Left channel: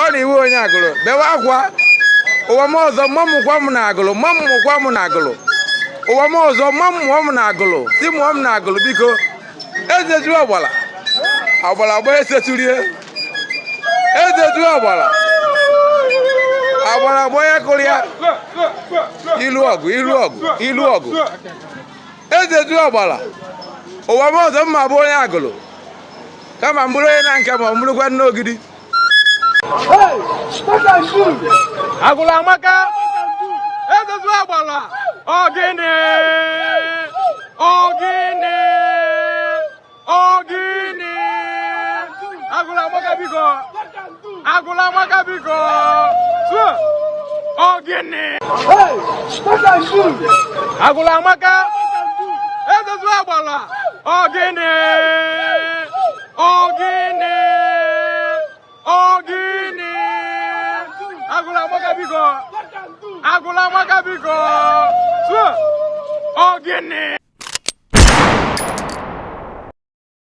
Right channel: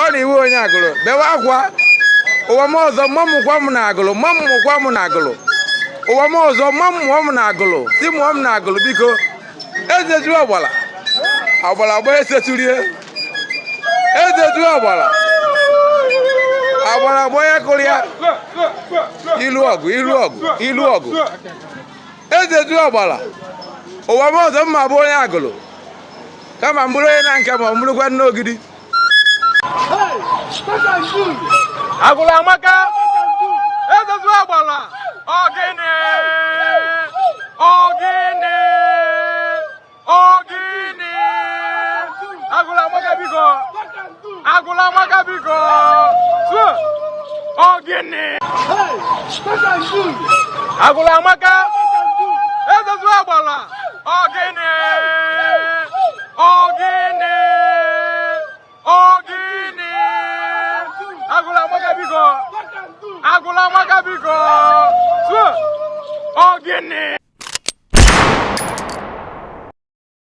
ọ na-iwe onye agụlụ bewe akwa ụwa m ọzọ mmamụkwa m na agụlụ mmamụkwa m na agụlụ ụwa m ọzọ mmamụọ m na agụlụ si mụọ m na agụlụ biko ezeju ọgbala ọgbala gba eseturie ezeju ọgbala agbara gba onye kụrụ ya ilu ọgụ ilu ọgụ ilu ọgụ ezeju ọgbala ụwa m ọzọ mma bụ onye agụlụ kama m bụrụ onye na nke ma ọ bụrụkwa n'ogidi Agụla amaka ezeju ọgbala ọgịnị ọgịnị ọgịnị agụla amaka biko agụla amaka biko ọgịnị agụla amaka ezeju ọgbala ọgịnị ọgịnị ọgịnị agụla amaka biko agụla amaka biko ọgịnị